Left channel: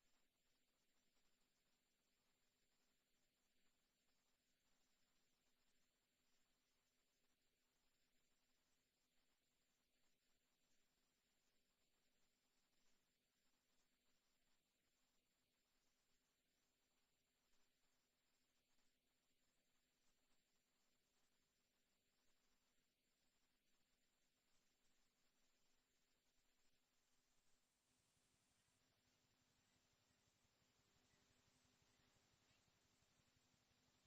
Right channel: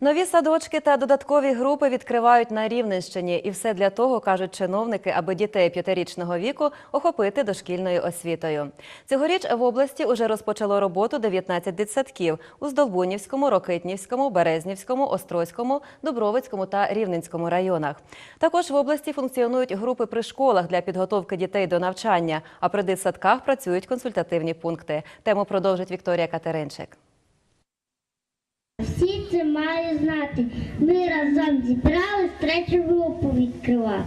Нові садочки та додаткові групи відкривають на Рівненщині. І все для того, кажуть чиновники, аби дітей п'ятирічного віку охопити дошкільною освітою. Цьогоріч в області уже розпочало роботу 19 дитсадків у Здолбунівському, Рокитнівському, Березнівському, Острозькому, Дубровицькому та Рівненському районах. Також в області функціонують групи при школах для підготовки дітей до навчання, а при дитсадках працюють консультативні пункти. Тему продовжить Вікторія Катеринчик. Всі це мають знати. Ми разом зібрались третю групу відкривати.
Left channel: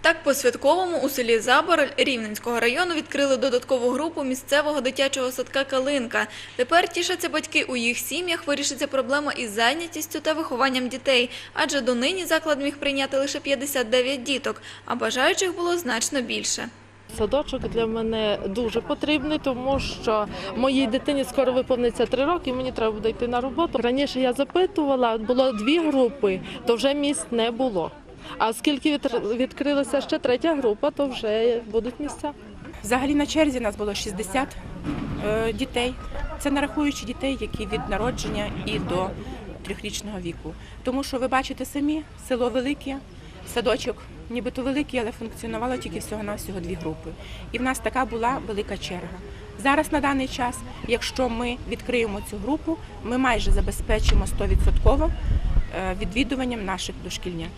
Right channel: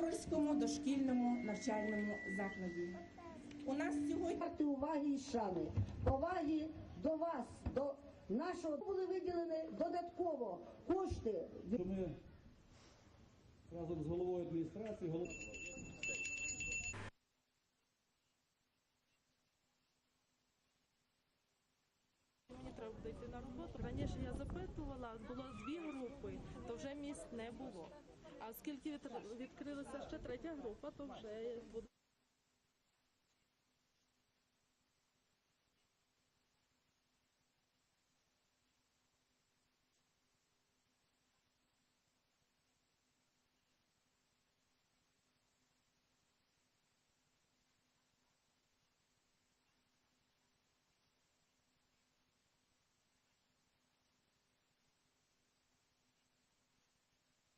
Так, по-святковому у селі Забороль Рівненського району відкрили додаткову групу місцевого дитячого садка «Калинка». Тепер тішаться батьки. У їх сім'ях вирішиться проблема із зайнятістю та вихованням дітей. Адже донині заклад міг прийняти лише 59 діток, а бажаючих було значно більше. Садочок для мене дуже потрібний, тому що моїй дитині скоро виповниться три роки, мені треба буде йти на роботу. Раніше я запитувала, було дві групи, то вже місць не було. А оскільки відкрилася ще третя група, то вже будуть місця. Взагалі на черзі нас було 60 е, дітей. Це не рахуючи дітей, які від народження і до трьохрічного віку. Тому що ви бачите самі, село велике, садочок нібито великий, але функціонувало тільки всього-навсього дві групи. І в нас така була велика черга. Зараз на даний час, якщо ми відкриємо цю групу, ми майже забезпечимо 100% е, відвідуванням наших дошкільнят.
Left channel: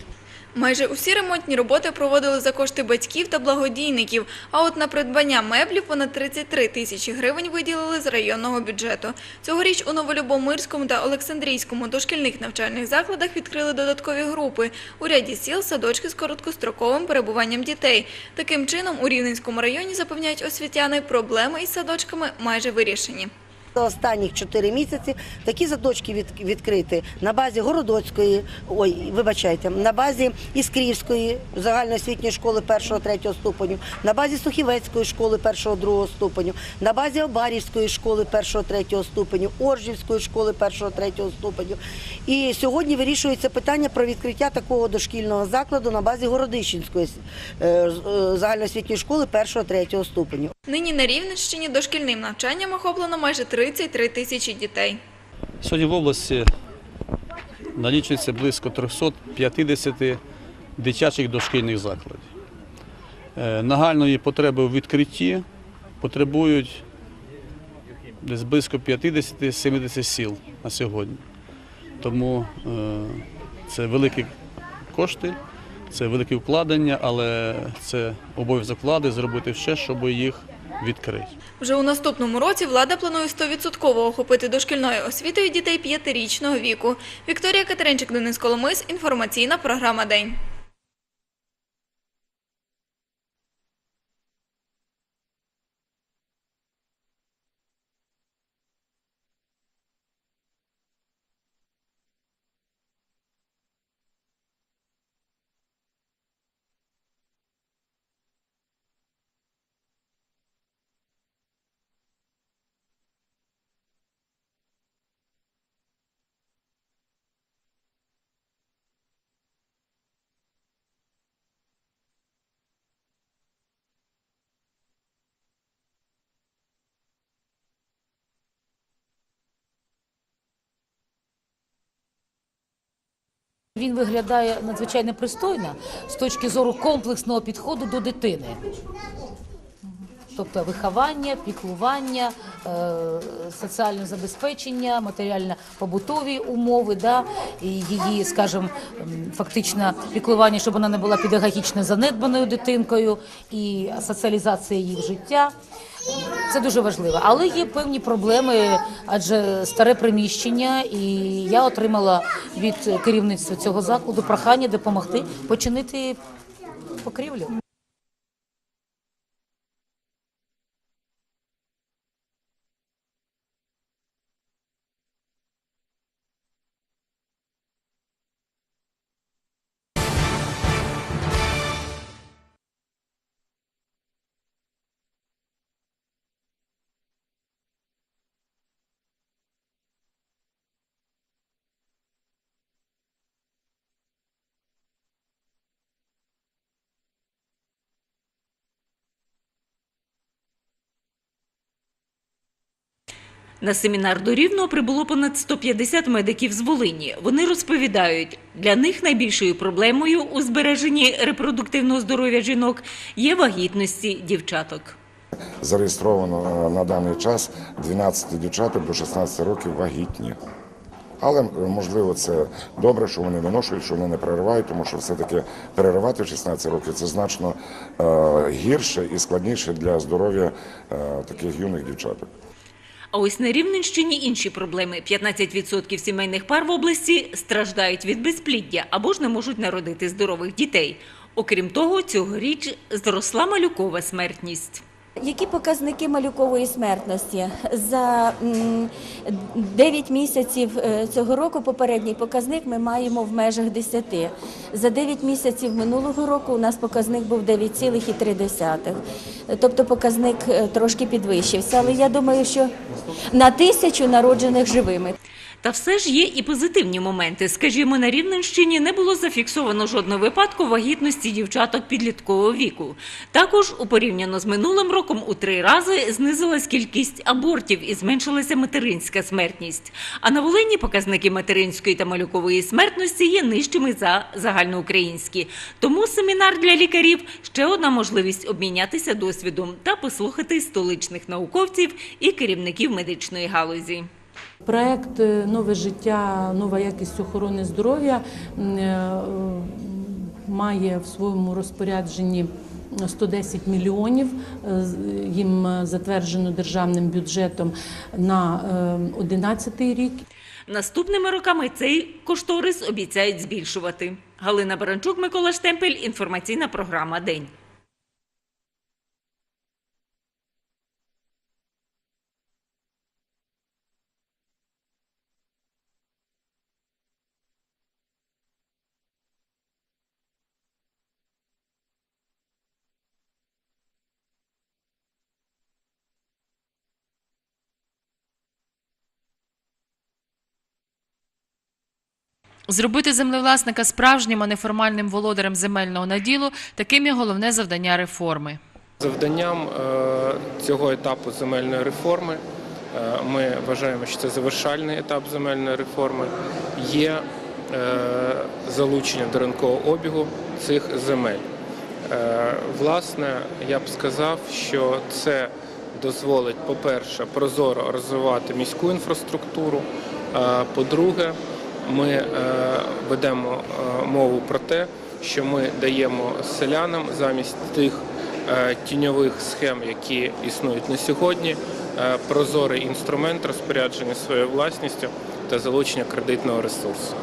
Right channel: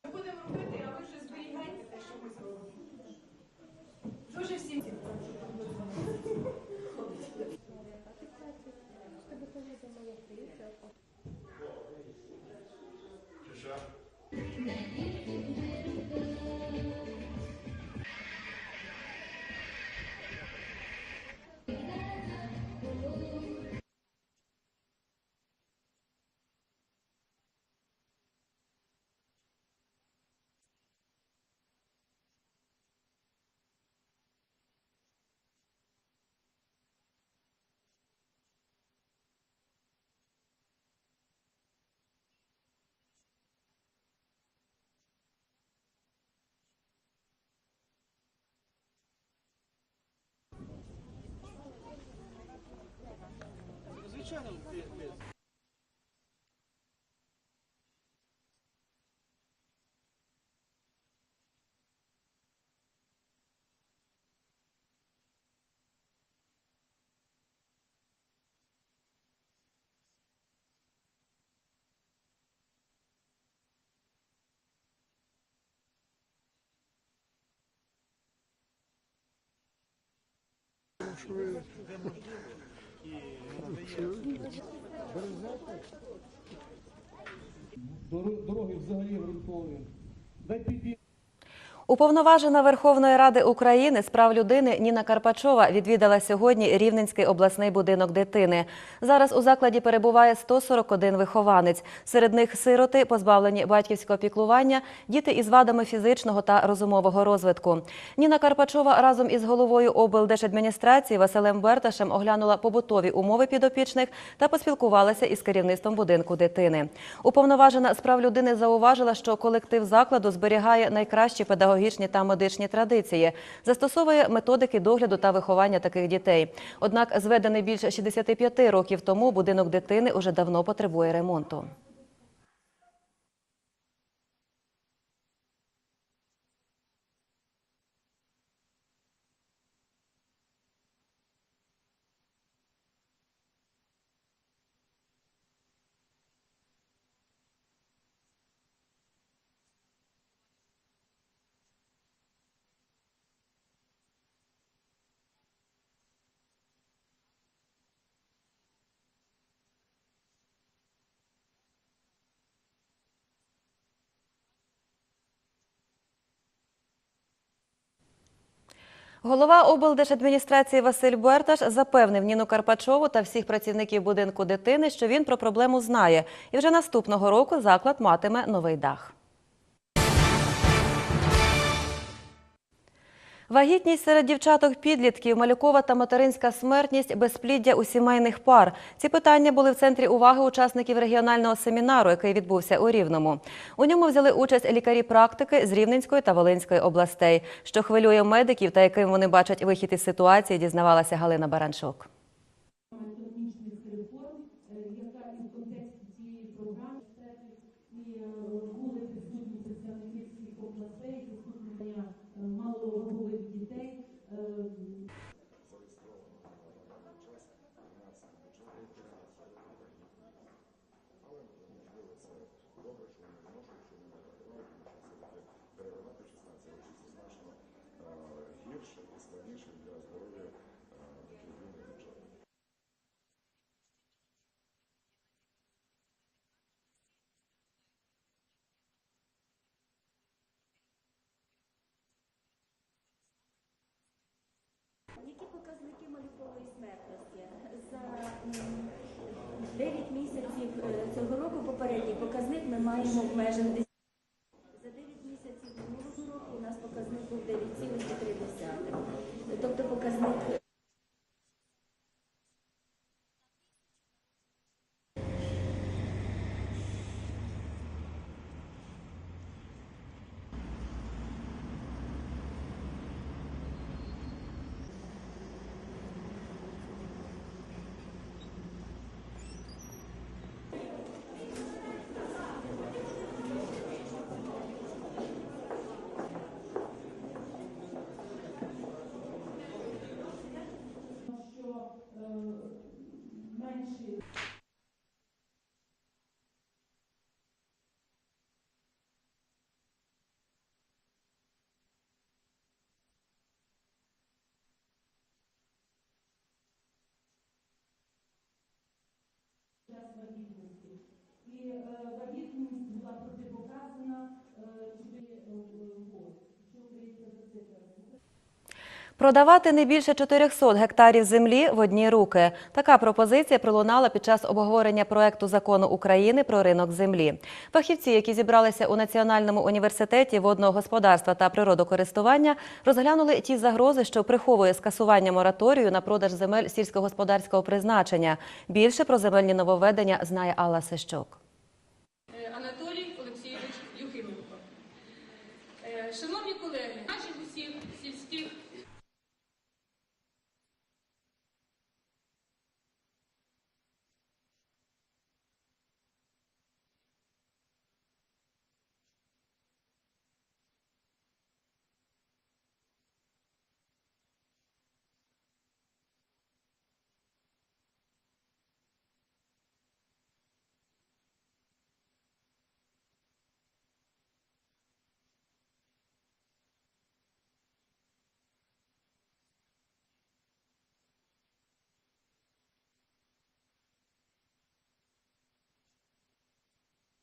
Майже усі ремонтні роботи проводили за кошти батьків та благодійників. А от на придбання меблів понад 33 тисячі гривень виділили з районного бюджету. Цьогоріч у Новолюбомирському та Олександрійському дошкільних навчальних закладах відкрили додаткові групи. У ряді сіл садочки з короткостроковим перебуванням дітей. Таким чином, у Рівненському районі запевняють освітяни, проблеми із садочками майже вирішені. За останніх 4 місяці такі садочки від, відкриті на базі Городоцької, ой, вибачайте, на базі Іскрівської загальноосвітньої школи 1-3 ступеню, на базі Сухівецької школи 1-2 ступеню, на базі Обарівської школи 1-3 ступеню, Оржівської школи 1-3 ступеню. І сьогодні вирішується питання про відкриття такого дошкільного закладу на базі Городищенської е, е, загальноосвітньої школи 1-3 ступеню. Нині на Рівненщині дошкільним навчанням охоплено майже 33 тисячі дітей. Сьогодні в області налічується близько 350 дитячих дошкільних закладів. Е, Нагальної потреби у відкритті потребують десь близько 50-70 сіл на сьогодні. Тому е, це великі кошти, це великі вкладення, але це обов'язок влади зробити все, щоб їх відкрити. Вже у наступному році влада планує 100% охопити дошкільною освітою дітей п'ятирічного віку. Вікторія Катеринчик, Денис Коломис. Інформаційна програма День. Уповноважена Верховної Ради України з прав людини Ніна Карпачова відвідала сьогодні Рівненський обласний будинок дитини. Зараз у закладі перебуває 141 вихованець. Серед них сироти, позбавлені батьківського піклування, діти із вадами фізичного та розумового розвитку. Ніна Карпачова разом із головою облдержадміністрації Василем Берташем оглянула побутові умови підопічних та поспілкувалася із керівництвом будинку дитини. Уповноважена з прав людини зауважила, що колектив закладу зберігає найкращі педагогічні та медичні традиції, застосовує методики догляду та виховання таких дітей. Однак, зведений більше 65 років тому, будинок дитини уже давно потребує ремонту. Він виглядає надзвичайно пристойно з точки зору комплексного підходу до дитини. Тобто виховання, піклування, е, соціальне забезпечення, матеріально-побутові умови, да, і її, скажімо, фактично піклування, щоб вона не була педагогічно занедбаною дитинкою, і соціалізація її в життя. Це дуже важливо. Але є певні проблеми, адже старе приміщення, і я отримала від керівництва цього закладу прохання допомогти починити покрівлю. Голова облдержадміністрації Василь Берташ запевнив Ніну Карпачову та всіх працівників будинку дитини, що він про проблему знає, і вже наступного року заклад матиме новий дах. Вагітність серед дівчаток-підлітків, малюкова та материнська смертність, безпліддя у сімейних пар. Ці питання були в центрі уваги учасників регіонального семінару, який відбувся у Рівному. У ньому взяли участь лікарі-практики з Рівненської та Волинської областей. Що хвилює медиків та яким вони бачать вихід із ситуації, дізнавалася Галина Баранчук. На семінар до Рівного прибуло понад 150 медиків з Волині. Вони розповідають, для них найбільшою проблемою у збереженні репродуктивного здоров'я жінок є вагітності дівчаток. Зареєстровано е, на даний час 12 дівчаток до 16 років вагітні. Але е, можливо це добре, що вони виношують, що вони не переривають, тому що все-таки переривати в 16 років це значно е, гірше і складніше для здоров'я таких юних дівчаток. А ось на Рівненщині інші проблеми. 15% сімейних пар в області страждають від безпліддя або ж не можуть народити здорових дітей. Окрім того, цьогоріч зросла малюкова смертність. Які показники малюкової смертності? За м, 9 місяців е, цього року попередній показник ми маємо в межах 10. За 9 місяців минулого року у нас показник був 9,3. Тобто показник е, трошки підвищився. Але я думаю, що на тисячу народжених живими. Та все ж є і позитивні моменти. Скажімо, на Рівненщині не було зафіксовано жодного випадку вагітності дівчаток підліткового віку. Також, у порівняно з минулим роком, у три рази знизилась кількість абортів і зменшилася материнська смертність. А на Волині показники материнської та малюкової смертності є нижчими за загальноукраїнські. Тому семінар для лікарів ще одна можливість обмінятися досвідом та послухати столичних науковців і керівників медичної галузі. Проект е, Нове життя, нова якість охорони здоров'я е, має в своєму розпорядженні 110 мільйонів. Е, Їм е, затверджено державним бюджетом на 2011 рік. Наступними роками цей кошторис обіцяють збільшувати. Галина Баранчук, Микола Штемпель. Інформаційна програма День. Продавати не більше 400 гектарів землі в одні руки. Така пропозиція пролунала під час обговорення проекту закону України про ринок землі. Фахівці, які зібралися у Національному університеті водного господарства та природокористування, розглянули ті загрози, що приховує скасування мораторію на продаж земель сільськогосподарського призначення. Більше про земельні нововведення знає Алла Сищук. Зробити землевласника справжнім, а не формальним володарем земельного наділу – таким є головне завдання реформи. Завданням е, цього етапу земельної реформи е, ми вважаємо, що це завершальний етап земельної реформи. Є е, залучення до ринкового обігу цих земель. Власне, я б сказав, що це дозволить, по-перше, прозоро розвивати міську інфраструктуру. По-друге, ми ведемо мову про те, що ми даємо селянам замість тих тіньових схем, які існують на сьогодні, е, прозорий інструмент розпорядження своєю власністю та залучення кредитного ресурсу.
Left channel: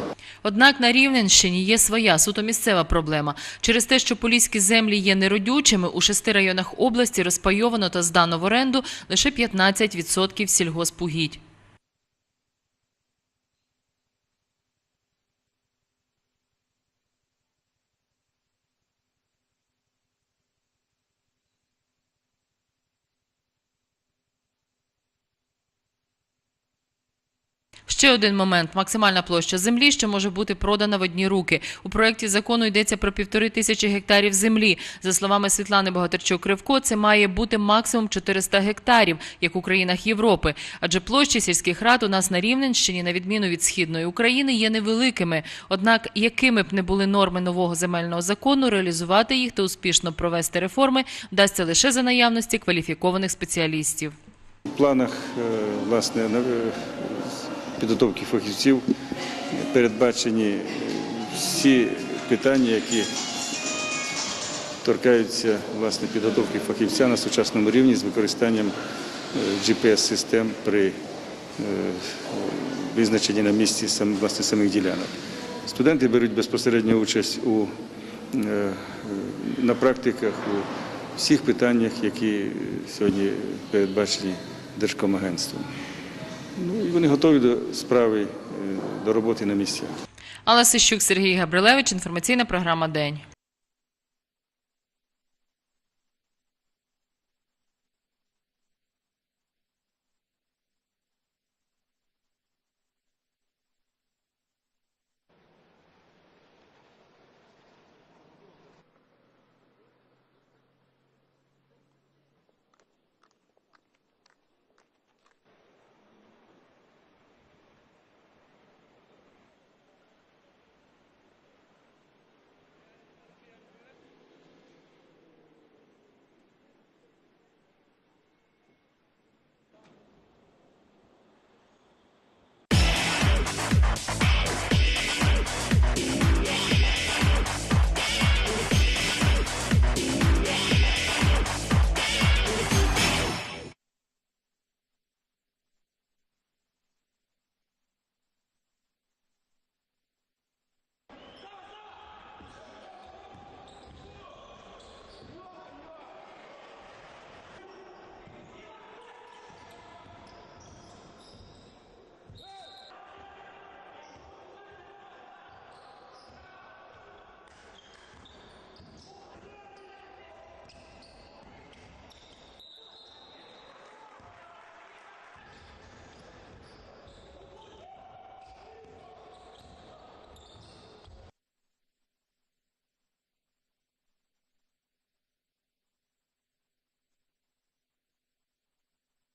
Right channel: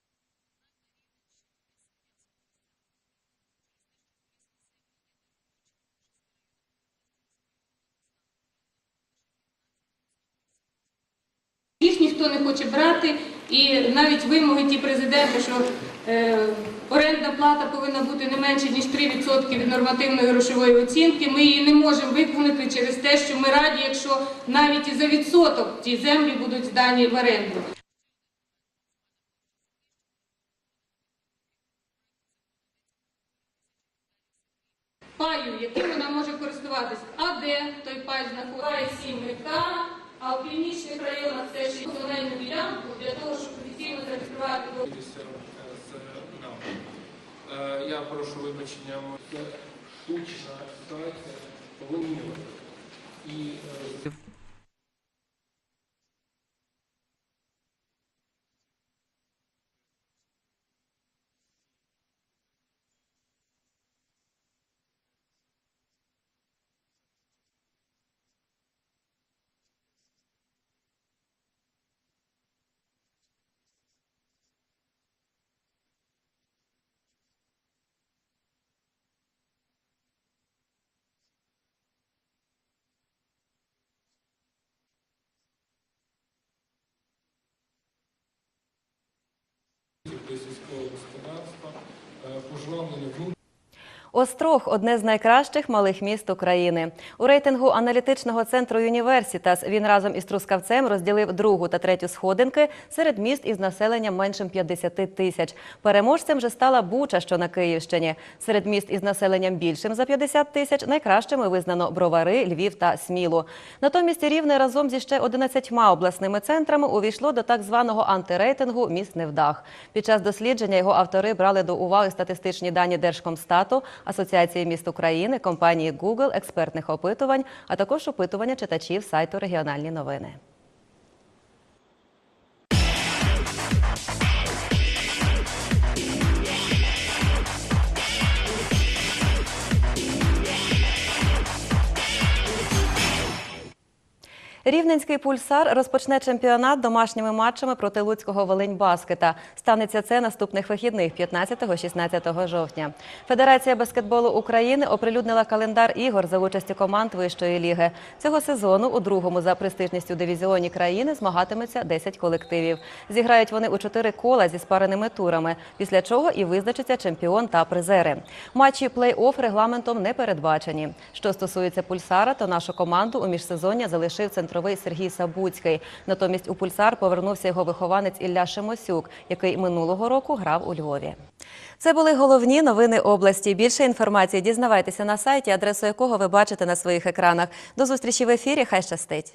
Однак на Рівненщині є своя суто місцева проблема. Через те, що поліські землі є неродючими, у шести районах області розпайовано та здано в оренду лише 15% сільгоспугідь. Їх ніхто не хоче брати, і навіть вимоги ті президента, що е, орендна плата повинна бути не менше ніж 3% від нормативної грошової оцінки. Ми її не можемо виконати через те, що ми раді, якщо навіть і за відсоток ті землі будуть здані в оренду. Ще один момент – максимальна площа землі, що може бути продана в одні руки. У проєкті закону йдеться про півтори тисячі гектарів землі. За словами Світлани Богатирчук-Кривко, це має бути максимум 400 гектарів, як у країнах Європи. Адже площі сільських рад у нас на Рівненщині, на відміну від Східної України, є невеликими. Однак, якими б не були норми нового земельного закону, реалізувати їх та успішно провести реформи вдасться лише за наявності кваліфікованих спеціалістів. В планах е, власне е, підготовки фахівців передбачені е, всі питання, які торкаються власне підготовки фахівця на сучасному рівні з використанням GPS-систем при визначенні на місці власне самих ділянок. Студенти беруть безпосередню участь у е, на практиках у всіх питаннях, які сьогодні передбачені Держкомагентством. Ну, і вони готові до справи, е, до роботи на місцях. Алла Сищук, Сергій Габрилевич. Інформаційна програма «День». Острог одне з найкращих малих міст України. У рейтингу аналітичного центру Юніверсітас він разом із Трускавцем розділив другу та третю сходинки серед міст із населенням меншим 50 тисяч. Переможцем же стала Буча, що на Київщині. Серед міст із населенням більшим за 50 тисяч найкращими визнано Бровари, Львів та Смілу. Натомість Рівне разом зі ще 11 обласними центрами увійшло до так званого антирейтингу міст невдах. Під час дослідження його автори брали до уваги статистичні дані Держкомстату, Асоціації міст України, компанії Google, експертних опитувань, а також опитування читачів сайту Регіональні новини. Рівненський пульсар розпочне чемпіонат домашніми матчами проти Луцького Волинь-Баскета. Станеться це наступних вихідних 15-16 жовтня. Федерація баскетболу України оприлюднила календар ігор за участі команд вищої ліги. Цього сезону у другому за престижністю дивізіоні країни змагатиметься 10 колективів. Зіграють вони у чотири кола зі спареними турами, після чого і визначиться чемпіон та призери. Матчі плей-офф регламентом не передбачені. Що стосується пульсара, то нашу команду у міжсезоння залишив центровий Сергій Сабуцький. Натомість у пульсар повернувся його вихованець Ілля Шемосюк, який минулого року грав у Львові. Це були головні новини області. Більше інформації дізнавайтеся на сайті, адресу якого ви бачите на своїх екранах. До зустрічі в ефірі. Хай щастить.